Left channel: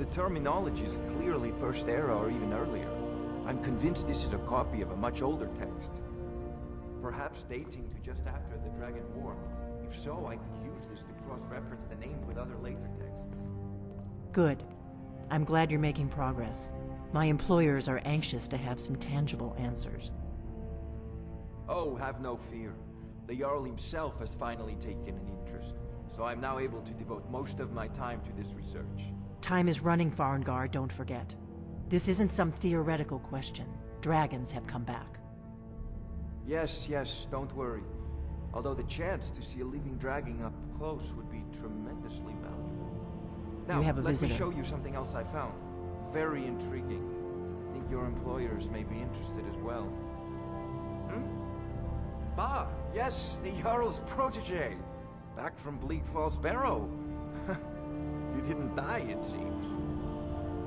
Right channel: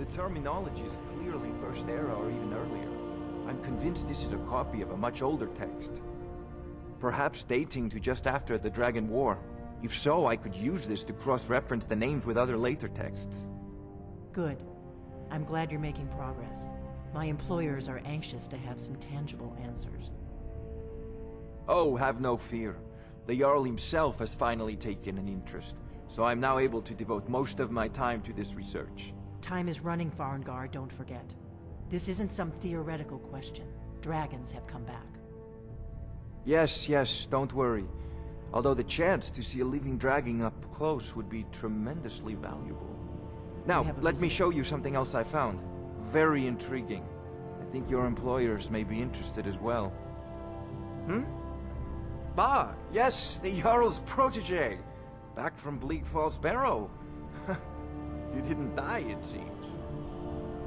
The terminology is clearly First Era or even earlier. I'm convinced this is a copy of a much older text. Perhaps dating to just after the Dragon War. If so, I could use this to cross-reference the names with other later texts. Good. I'm glad you're making progress. My employers are anxious to have some tangible answers. Oh, have no fear. The Jarl himself has finally taken an interest, so I'm now able to devote most of my time to this research. Time is running, Farengar, don't forget. This isn't some theoretical question. Dragons have come back. Yes, don't worry. Although the chance to see a living dragon up close would be tremendously valuable. Now, let me show you something else I found. Very intriguing. I think your employers may be interested as well. Yes, the Jarl's protege. Back from Bleak Falls Barrow. You didn't die, it seems.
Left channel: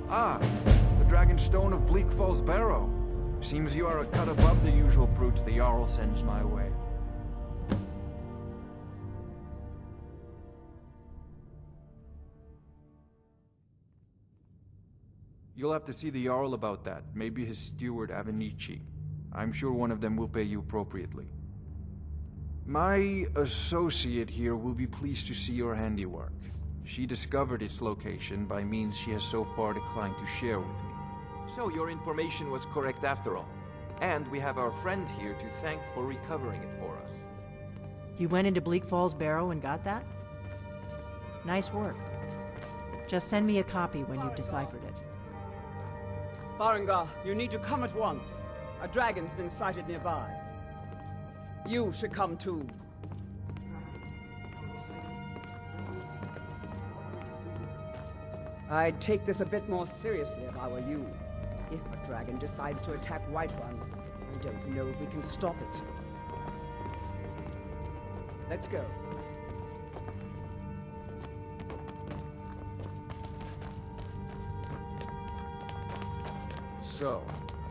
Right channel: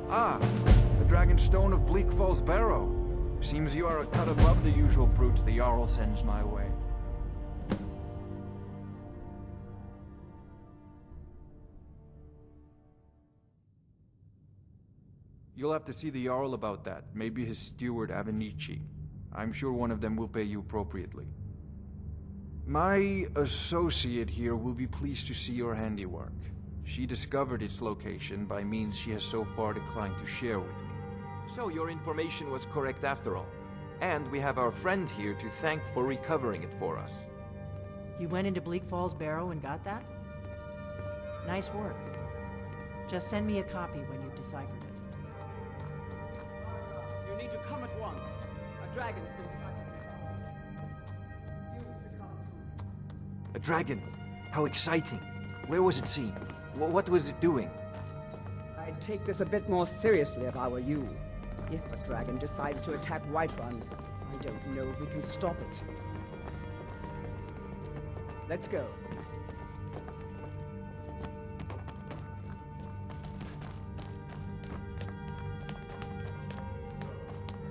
The Dragonstone of Bleak Falls Barrow. Seems you are a cut above the usual brutes the Jarl sends my way. You'll have to see the Jarl about that. Maybe his steward, Avenici. I'm sure one of them will pay you appropriately. My associate here will be pleased to see your handiwork. She discovered its location by means she has so far declined to share with me. So your information was correct after all. And we have our friend here to thank for recovering it for us. You went into Bleak Falls Barrow and got that? Nice work. Just send me a copy when you've deciphered it. Farengar, you need to come at once. A dragon's been sighted nearby. You should come too. A dragon? How exciting. Where was it seen? What was it doing? I'd take this a bit more seriously if I were you. If a dragon decides to attack Whiterun, I don't know if we can stop it. Let's go. So,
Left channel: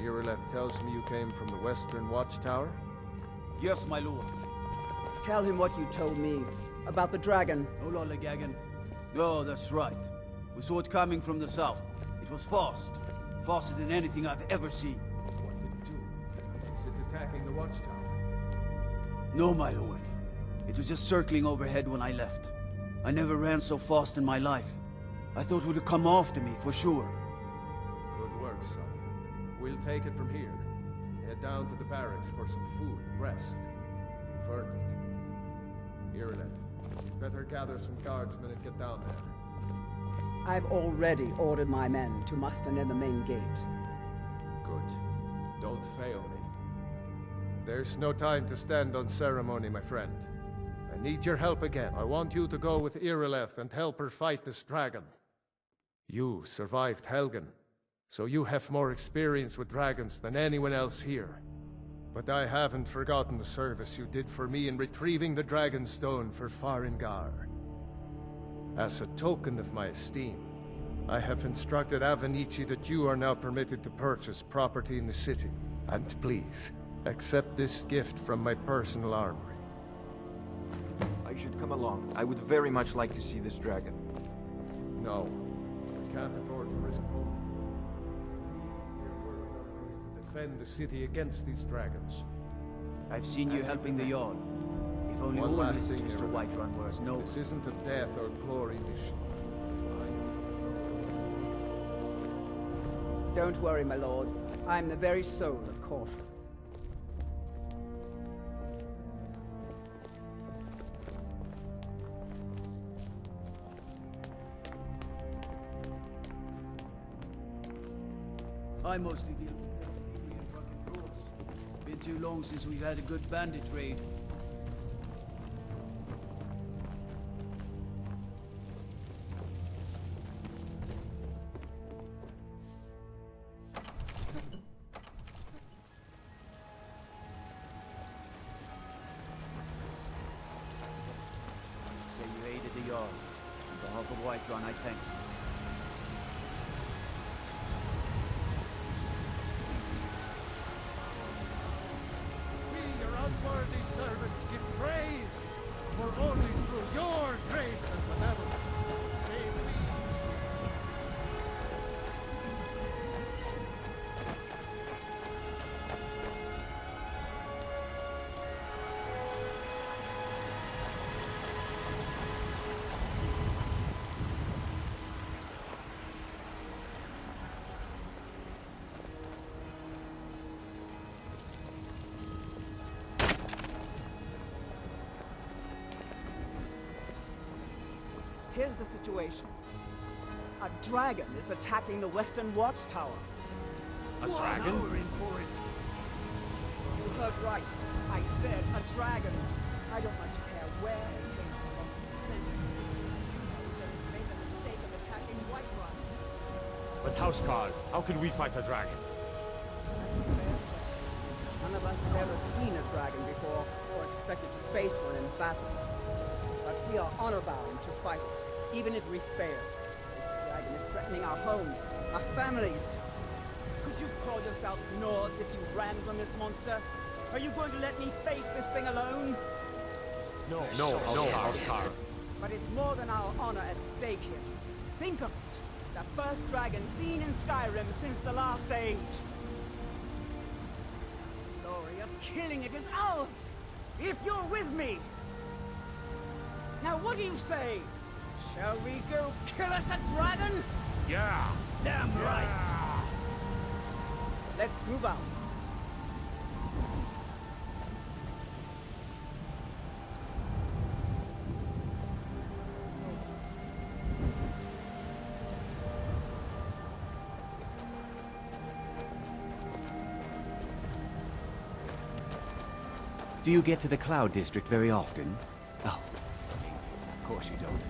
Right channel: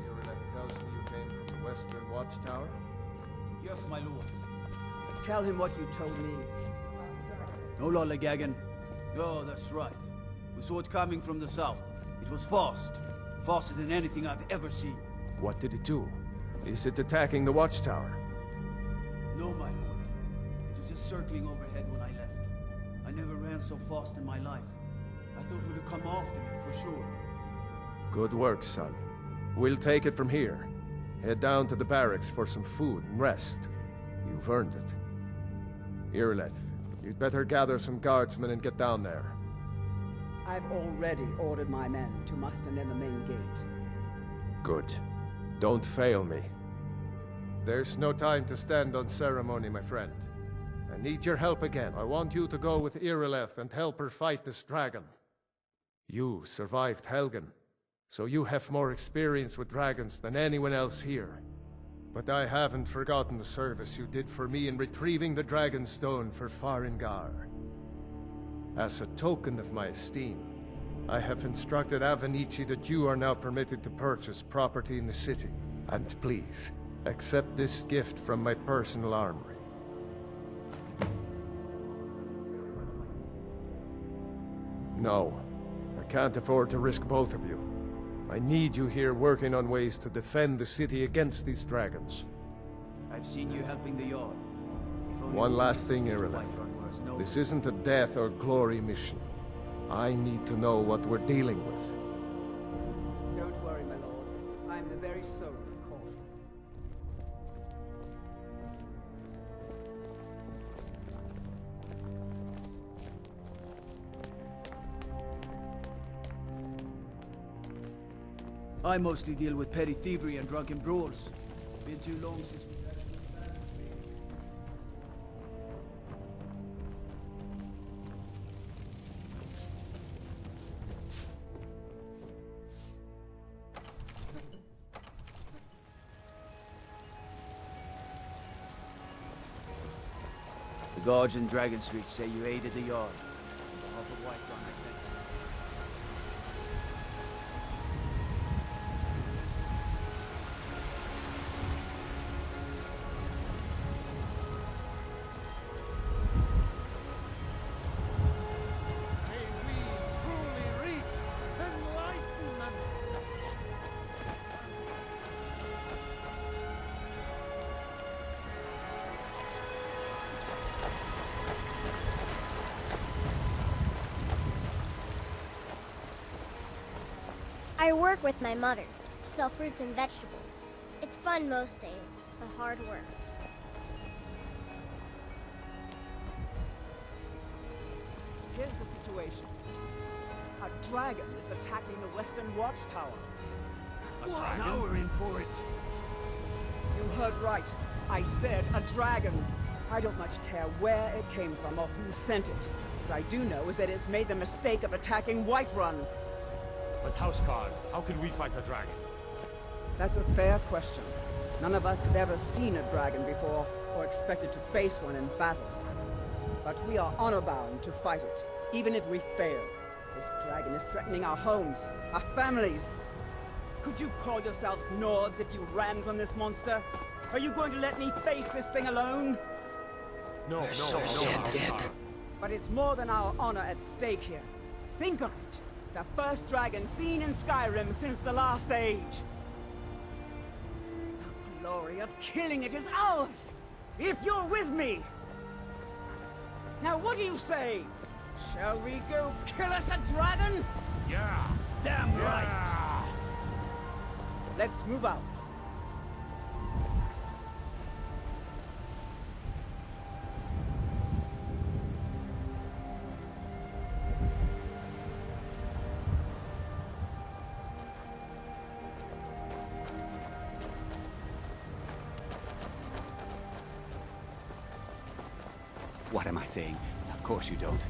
Irileth tells me you came from the Western Watchtower? Yes, my lord. Tell him what you told me about the dragon. No lollygagging. Oh, that's right. We saw it coming from the south. It was fast. Faster than anything I've ever seen. What did it do? Is it attacking the Watchtower? No, my lord. It was just circling overhead when I left. I never ran so fast in my life. I thought it would come after me, for sure. Good work, son. We'll take it from here. Head down to the barracks for some food and rest. You've earned it. Irileth, you'd better gather some guardsmen and get down there. I've already ordered my men to muster near the main gate. Good. Don't fail me. There's no time to stand on ceremony, my friend. I need your help again. I want you to go with Irileth and help her fight this dragon. You survived Helgen, so you have more experience with dragons than anyone else here. But I haven't forgotten the service you did for me in retrieving the Dragonstone for Farengar. As a token of my esteem, I have instructed Avenici that you are now permitted to purchase property in the city. And please, accept this gift from my personal armory. I should come along. I would very much like to see this dragon. No, I can't afford to risk both of you. I need you here working on ways to defend the city against these dragons. I've seen you helping the Jarl. If only One last thing, Irileth. Whiterun were as noble. This isn't a death or glory mission. I need to know what we're dealing with. Don't worry, my lord. I'm the very soul of caution. I mostly deal with petty thievery and drunken brawls. Been too long since we've had a good bandit raid. The guards in Dragonsreach say you aided the Jarl. On behalf of Whiterun, I thank you. I work with my mother, sell fruits and vegetables. It's fun most days, the hard work. Here's the situation. A dragon is attacking the Western Watchtower. A dragon? Now we're in for it. You heard right. I said a dragon. I don't much care where it came from or who sent it. What I do know is that it's made the mistake of attacking Whiterun. But Housecarl, how can we fight a dragon? That's a fair question. None of us have ever seen a dragon before, or expected to face one in battle. But we are honor-bound to fight it, even if we fail. This dragon is threatening our homes, our families. Could you call yourselves Nords if you ran from this monster? Are you going to let me face this thing alone? No, Housecarl. But it's more than our honor at stake here. Think of it. The first dragon seen in Skyrim since the last age. The glory of killing it is ours, if you're with me. Now what do you say? Shall we go kill us a dragon? Yeah! Damn right! Let's move out. Do you get to the Cloud District very often? Oh, what am I saying? Of course you don't.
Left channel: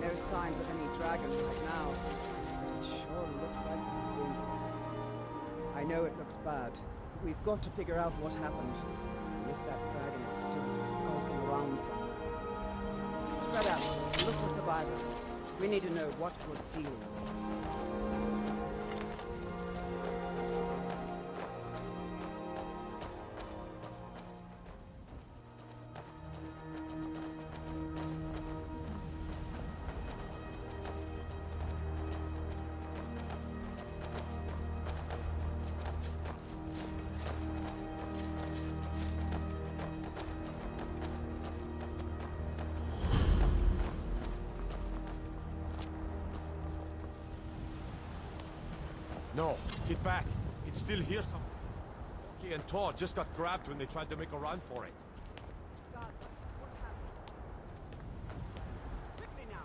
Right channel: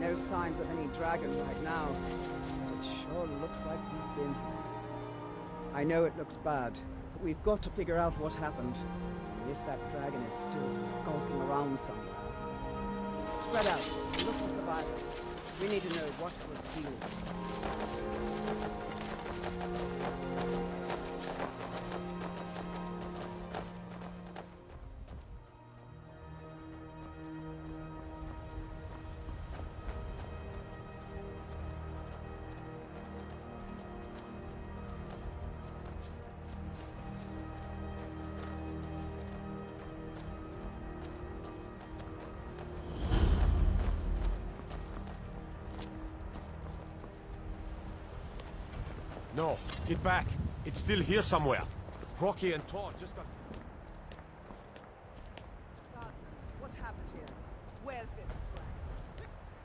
No signs of any dragon right now, but it sure looks like he's been here. I know it looks bad, but we've got to figure out what happened, and if that dragon is still skulking around somewhere. Spread out and look for survivors. We need to know what we're dealing with. No, get back. It's still here somewhere. Rocky and Todd just got grabbed when they tried to make a run for it. Guardsman, what happened here? Where's this dragon? Quickly now!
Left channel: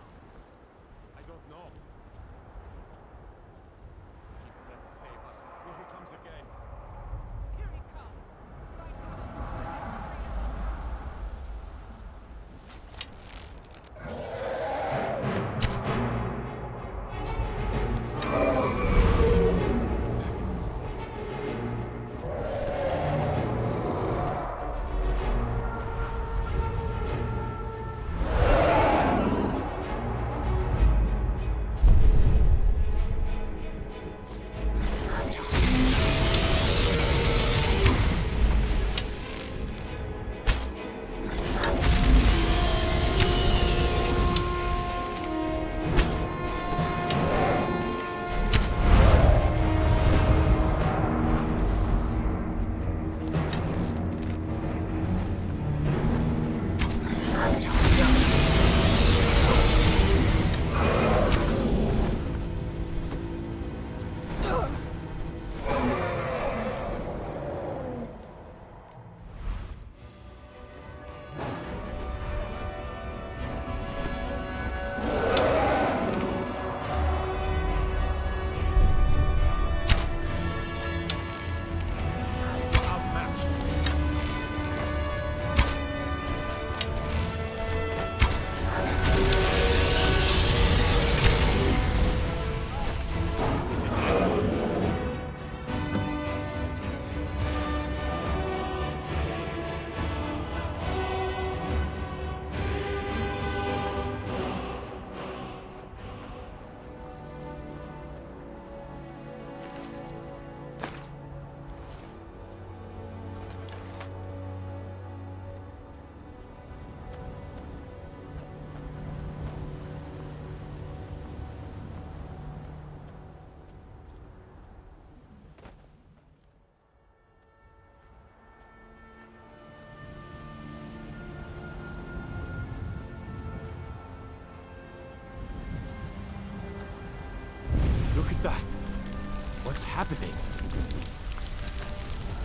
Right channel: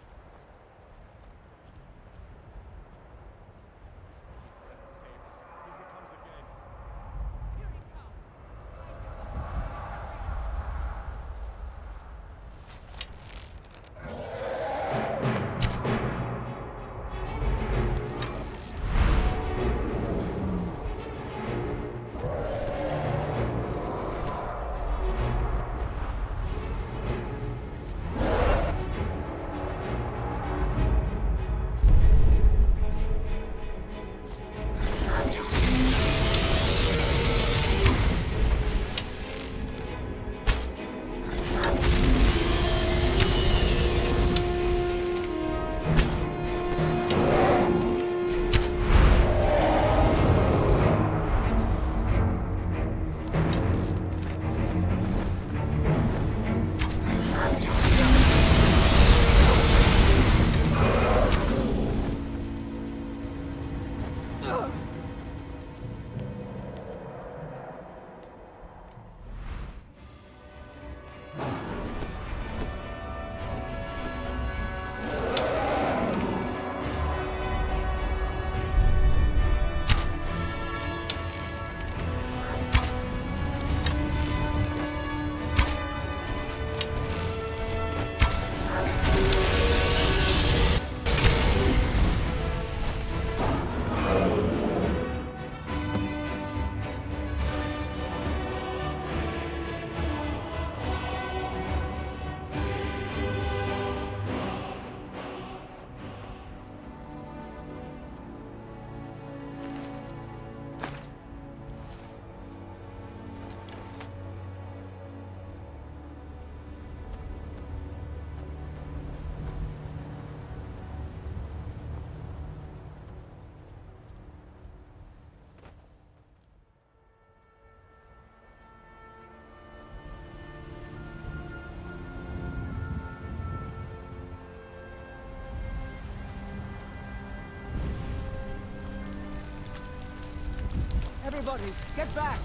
I don't know. Let's save us. Here he comes again. Here he comes! Right cover! Look at that. What's happening? Everybody, get back!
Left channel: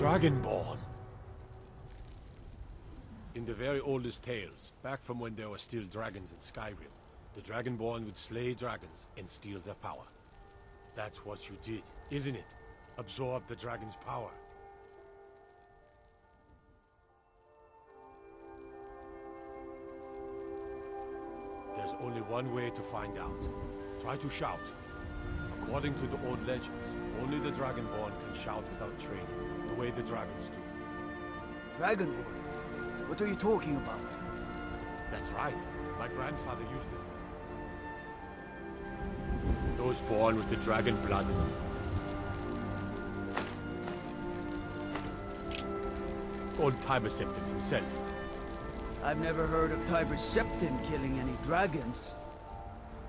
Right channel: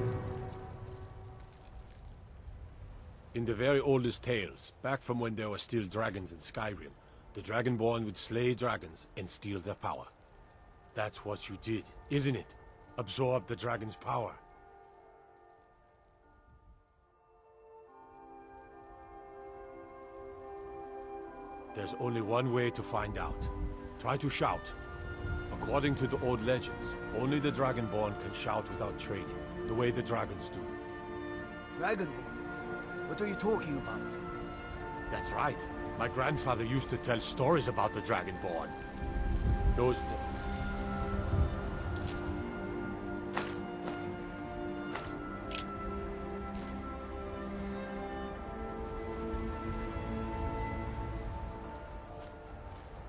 Dragonborn. In the very oldest tales, back from when there were still dragons in Skyrim, the Dragonborn would slay dragons and steal their power. That's what you did, isn't it? Absorb the dragon's power. There's only one way to find out. Try to shout. According to the old legends, only the Dragonborn can shout without training, the way the dragons do. Dragonborn? What are you talking about? That's right. My grandfather used to tell stories about the Dragonborn. Those born with the dragon blood. Old Tiber Septim himself. I've never heard of Tiber Septim killing any dragons.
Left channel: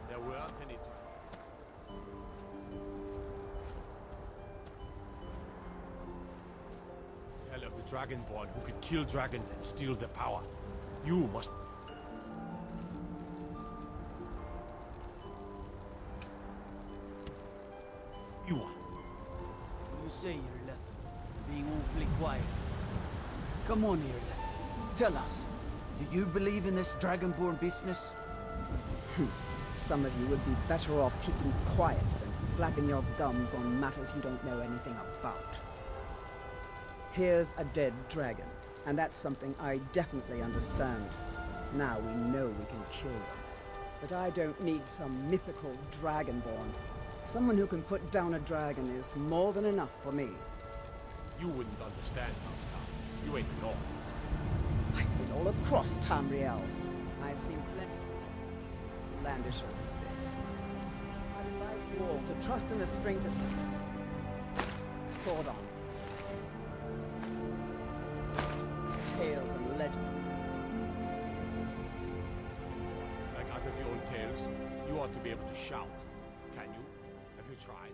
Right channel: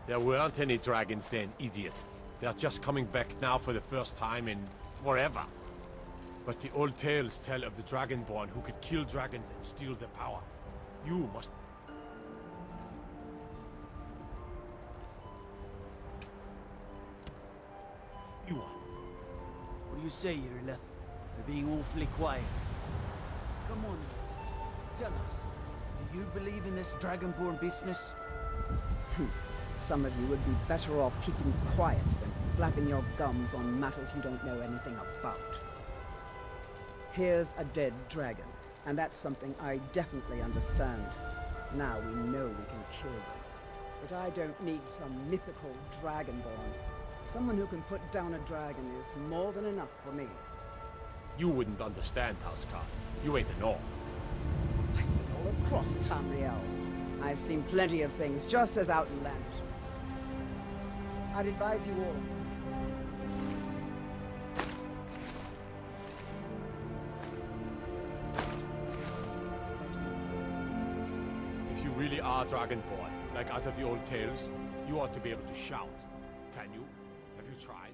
There weren't any dragons then, idiot. They're just coming back now for the first time in forever. But the old tales tell of the Dragonborn who could kill dragons and steal their power. You must... You are. What do you say, Irileth? You're being awfully quiet. Come on, Irileth. Tell us. Do you believe in this Dragonborn business? Some of you would be better off keeping quiet than flapping your gums on matters you don't know anything about. Here's a dead dragon, and that's something I definitely understand. Now we know we can kill them. But I don't need some mythical dragonborn. Someone who can put down a dragon is more than enough for me. You wouldn't understand, Housecarl. You ain't a Norn. I've been all across Tamriel. I've seen plenty of things just as outlandish as this. I'd advise you all to trust in the strength of Sword. Tales and legends. If you really are Dragonborn, like out of the old tales, you ought to be able to shout. Can you? Have you tried?